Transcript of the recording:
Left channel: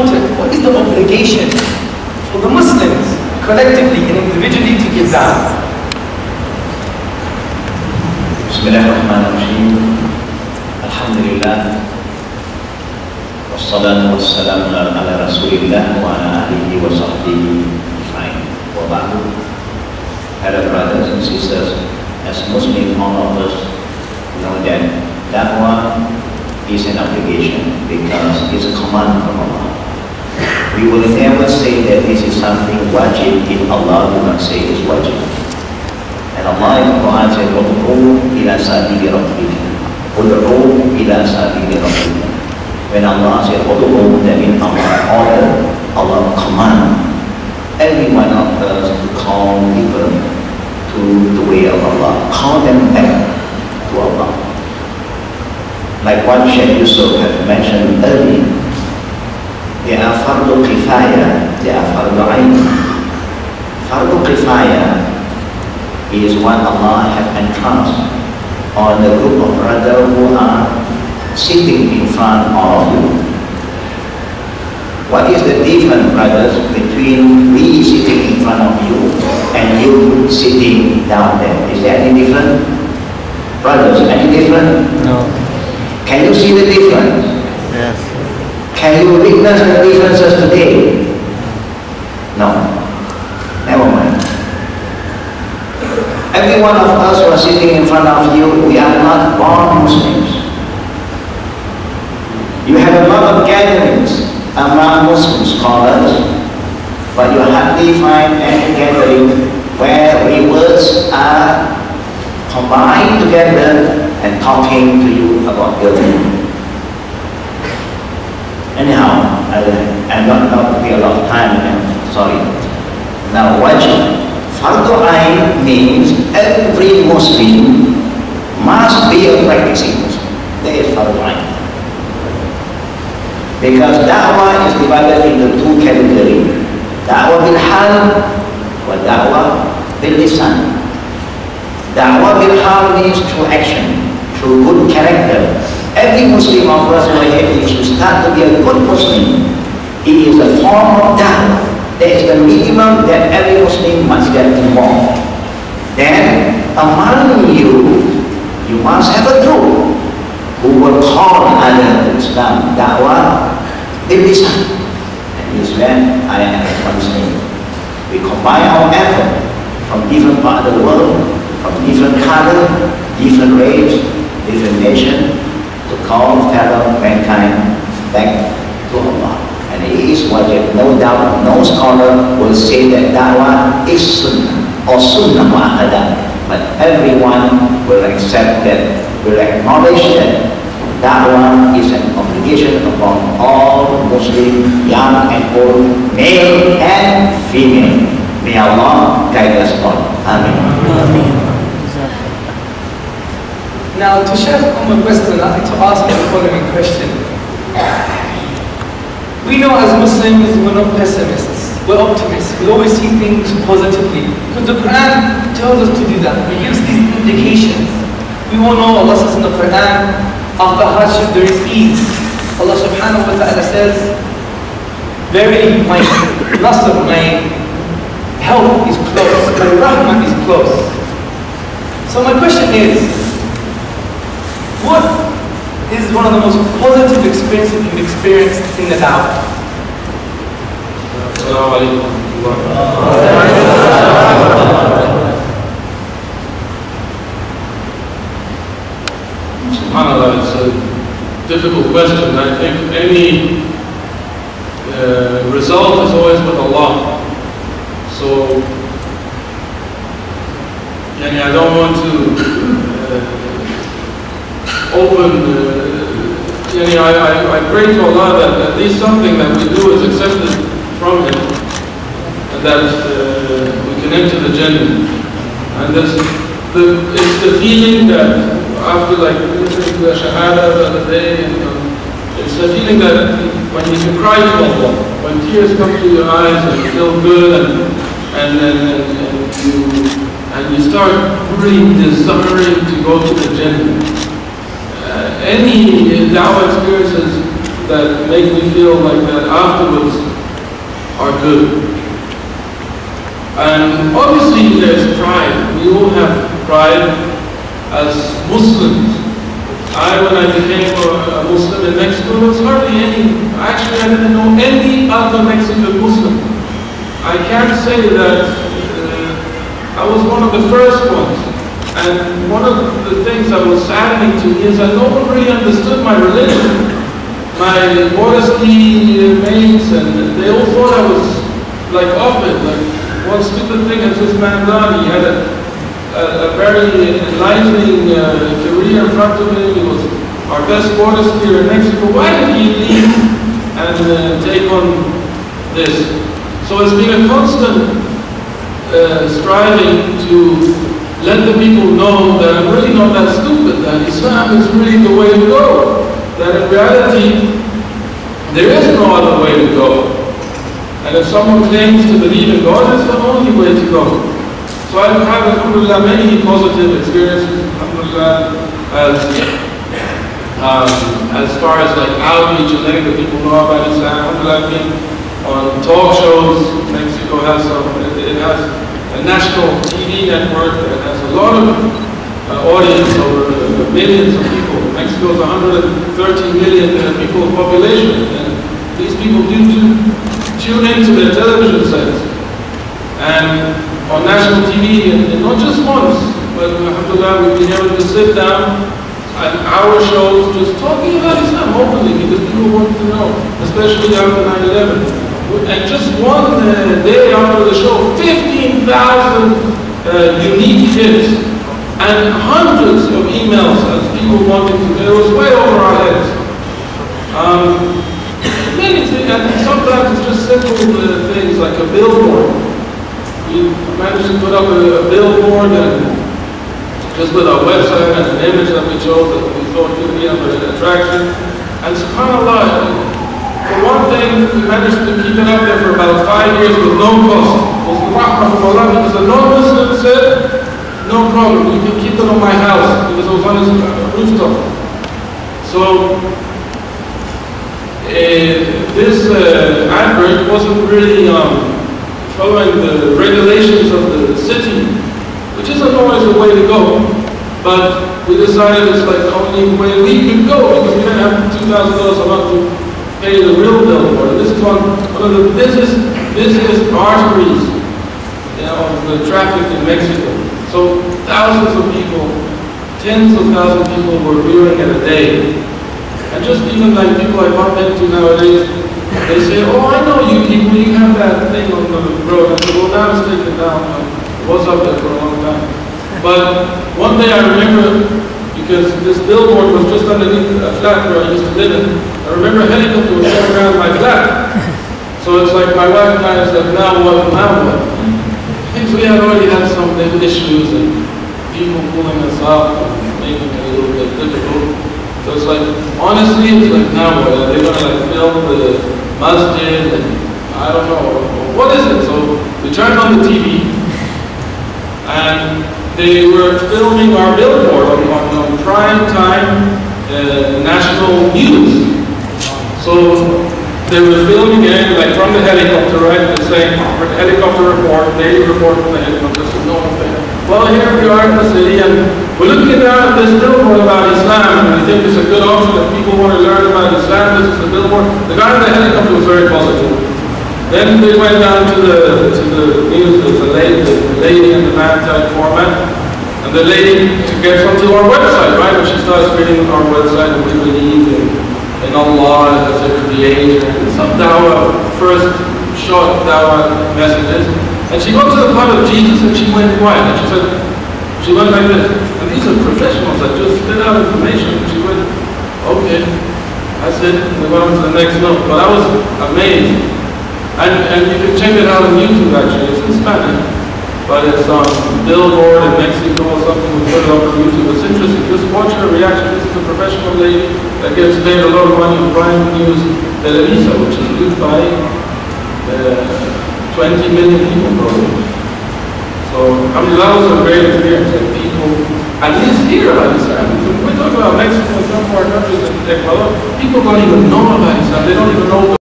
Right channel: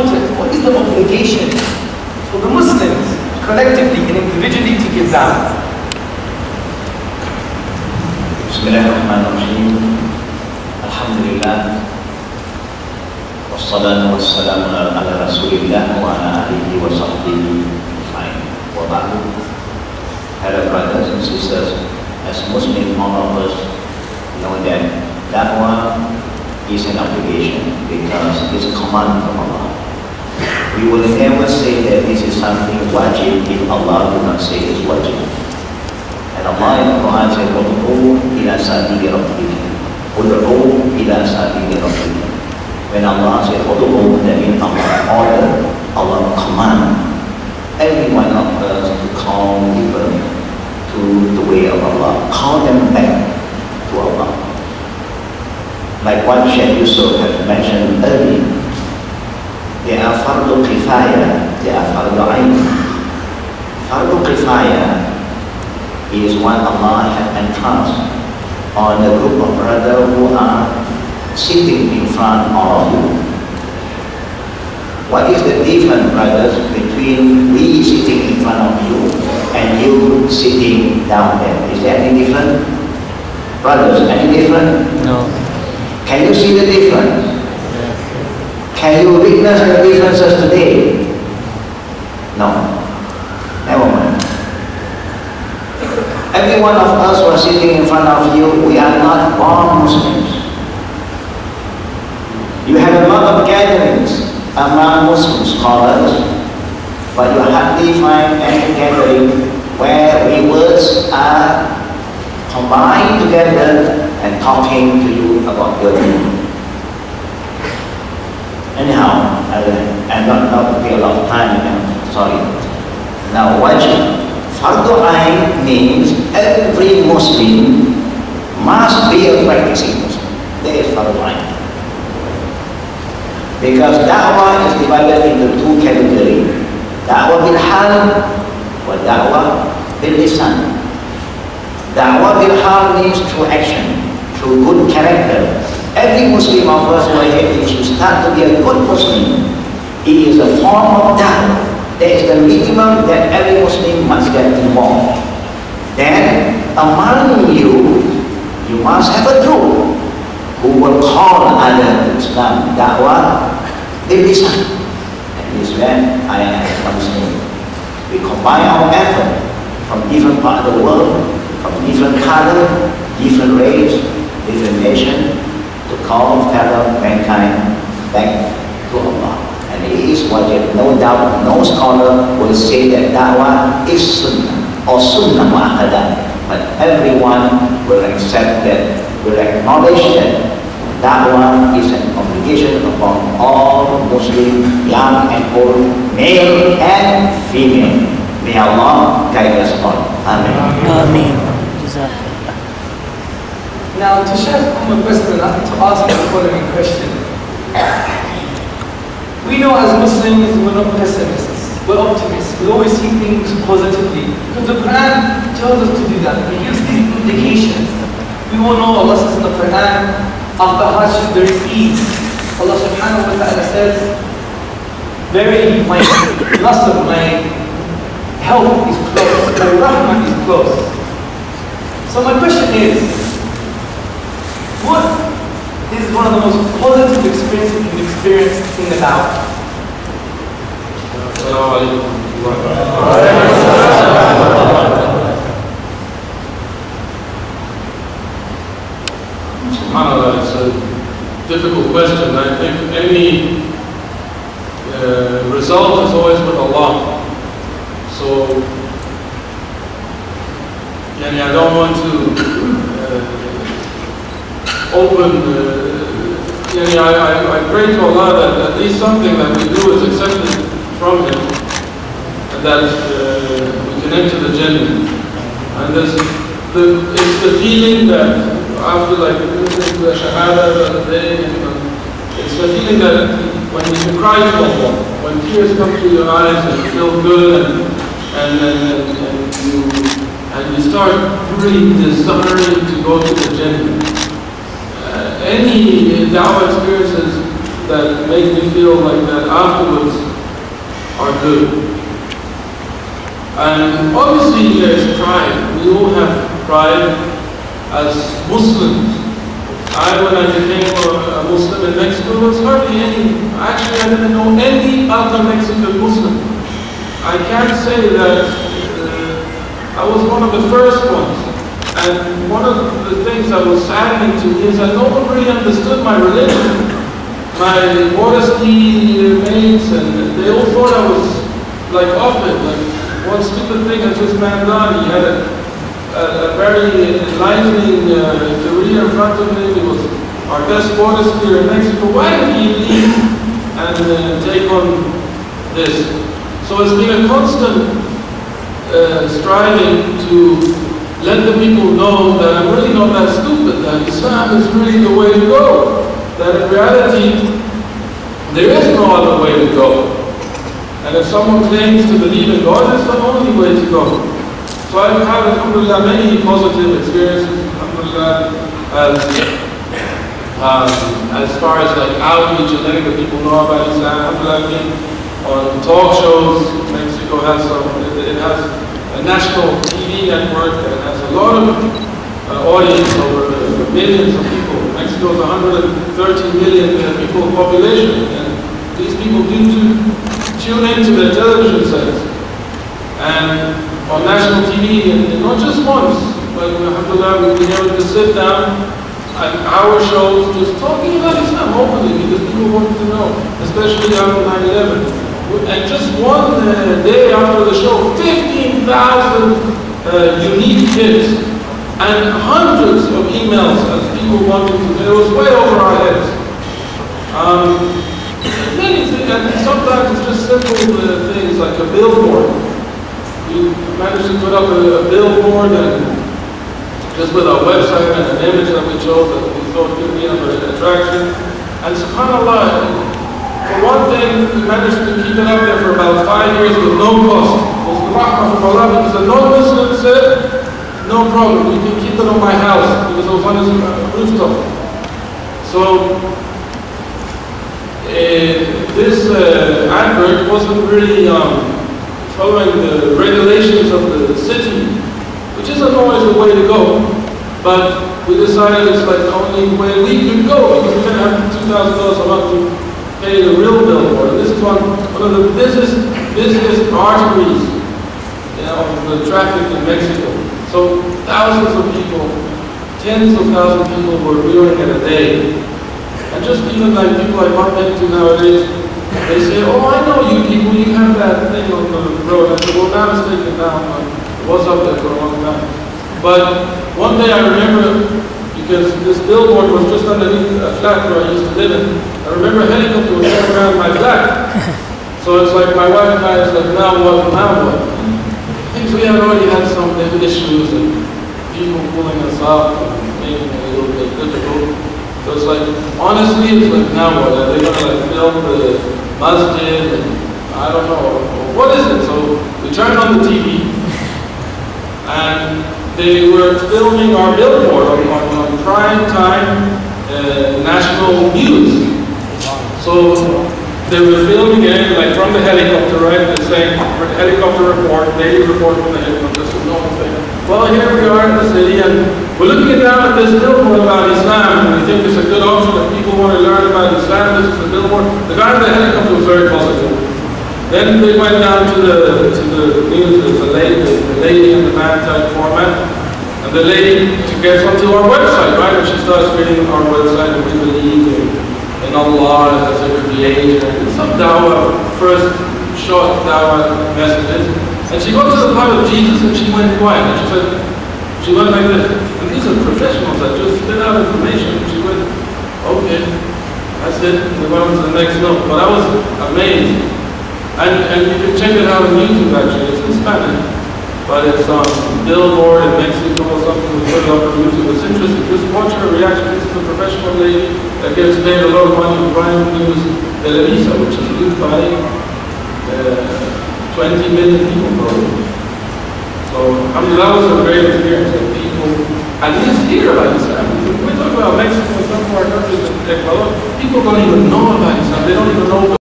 important, what is the obligation for the Muslims collectively and individually to give da'wah? Bismillahirrahmanirrahim. Alhamdulillah. Wassalatu wassalamu ala Rasulillah wa ala alihi wa sahbihi wa ba'du. Hello brothers and sisters, as Muslims, all of us know that da'wah is an obligation because it's a command from Allah. We will never say that this is something wajib if Allah will not say it's wajib. And Allah in the Quran said, "Ud'u ila sabili rabbika." Ud'u ila sabili rabbika. When Allah said ud'u, that means Allah order, Allah command every one of us to call people to the way of Allah, call them back to Allah. Like what Sheikh Yusuf has mentioned earlier, there are fardu kifaya, there are fardu ayn. Fardu kifaya is what Allah has entrusted on the group of brothers who are sitting in front of you. What is the difference, brothers, between we sitting in front of you and you sitting down there? Is there any difference? Brothers, any difference? No. Can you see the difference? Yes. Can you witness the differences today? No. Never mind. Every one of us who are sitting in front of you, we are not born Muslims. You have a lot of gatherings among Muslim scholars, but you hardly find any gathering where we words are combined together and talking to you about your deen. Anyhow, I'm not putting a lot of time in it, sorry. Now, wajib. Fardu ayn means every Muslim must be a practicing Muslim. That is fardu ayn. Because da'wah is divided into two categories. Da'wah bil hal wa da'wah bil lisan. Da'wah bil hal means through action, through good character. Every Muslim of us, if you start to be a good Muslim, it is a form of da'wah. That is the minimum that every Muslim must get involved. Then, among you, you must have a group who will call others to Islam, da'wah, bil lisan. And this is when I am Muslim. We combine our effort from different parts of the world, from different color, different race, different nation, to call fellow mankind back to Allah. And it is wajib. No doubt, no scholar will say that da'wah is sunnah or sunnah mu'akkadah. But everyone will accept that, will acknowledge that da'wah is an obligation upon all Muslims, young and old, male and female. May Allah guide us all. Amen. Amen. Now, to Sheikh question, I'd like to ask the following question. We know as Muslims, we're not pessimists, we're optimists. We always see things positively. Because the Quran tells us to do that. We use these indications. We all know Allah says in the Quran, after hardship there is ease. Allah subhanahu wa ta'ala says, verily my nasr, my help is close, my rahmah is close. So my question is, what is one of the most positive experiences you've experienced in the da'wah? SubhanAllah, it's a difficult question. I think any result is always with Allah. So, I don't want to I pray to Allah that at least something that we do is accepted from Him, and that we can enter the Jannah. And it's the feeling that after listening to the Shahada the other day, it's the feeling that when you can cry to Allah, when tears come to your eyes and you feel good, and you start really desiring to go to the Jannah. Any da'wah experience that make me feel like that afterwards are good. And obviously there's pride. We all have pride as Muslims. When I became a Muslim in Mexico, there was hardly any, actually I didn't know any other Mexican Muslim. I can't say that I was one of the first ones. And one of the things that was saddening to me is that no one really understood my religion. My water ski mates, and they all thought I was like off it. Like one stupid thing that this man done. He had a very enlightening career in front of him. He was our best water skier in Mexico. Why did he leave and take on this? So it's been a constant striving to let the people know that I'm really not that stupid, that Islam is really the way to go. That in reality, there is no other way to go. And if someone claims to believe in God, it's the only way to go. So I've had, alhamdulillah, many positive experiences, alhamdulillah, as far as like outreach and letting the people know about Islam. Alhamdulillah, I've been on talk shows. Mexico has it has a national TV network that has a lot of audience, over millions of people. Mexico is 130 million people population, and these people do tune into their television sets. And on national TV, and not just once, but alhamdulillah, we've been able to sit down at our shows just talking about Islam openly, because people want to know, especially after 9/11. And just one day after the show, 15,000 unique hits and hundreds of emails as people wanted to. It was way over our heads. Many things, and sometimes it's just simple things like a billboard. We managed to put up a billboard and just with our website and an image that we chose that we thought could be of an attraction. And subhanAllah, for one thing, we managed to keep it up there for about 5 years with no cost. It was the rahmah from Allah, because a non-Muslim said, no problem, you can keep it on my house, because it was on his rooftop. So, this advert wasn't really following the regulations of the city, which isn't always the way to go, but we decided it's like the only way we could go, because we didn't have $2,000 a month to pay the real billboard. This is one of the busiest arteries, of the traffic in Mexico. So thousands of people, tens of thousands of people were viewing it a day. And just even like people I bump into nowadays, they say, oh, I know you people, you have that thing on the road. I said, well, now it's taken down. It was up there for a long time. But one day I remember, because this billboard was just underneath a flat where I used to live in. I remember a helicopter was going around my flat. So it's like my wife and I, it's like, now what? So we had already had some issues and people pulling us up and making it a little bit difficult. So it's like, honestly, it's like, now what? Are they going to like film the masjid? And I don't know. What is it? So we turned on the TV and they were filming our billboard on prime time national news. So they were filming it like from the helicopter, right? They're saying helicopter report, daily report from the helicopter. So no one saying, well, here we are in the city and we're looking down at this billboard about Islam, and we think it's a good option if people want to learn about Islam. This is the billboard. The guy in the helicopter was very positive. Then they went down to the news, the lady and the man type format. And the lady gets onto our website, right? And she starts reading our website, and we believe in Allah as a creator, and some dawah, first short dawah messages. And she got to the part of Jesus and she went quiet. And she went like this. And these are professionals that just spit out information. And she went, okay, that's it. And we went on to the next note. But I was amazed. And you can check it out on YouTube actually. It's in Spanish. But it's on billboard in Mexico or something. We put it up on YouTube. It's interesting. Just watch her reaction. This is a professional lady that gets paid a lot of money on Prime News Televisa, which is used by 20 million people probably. So, I mean, that was a great experience. Like, people people, at least hear about Islam. When we talk about Mexico and some of our countries, Ecuador, people don't even know about Islam. They don't even know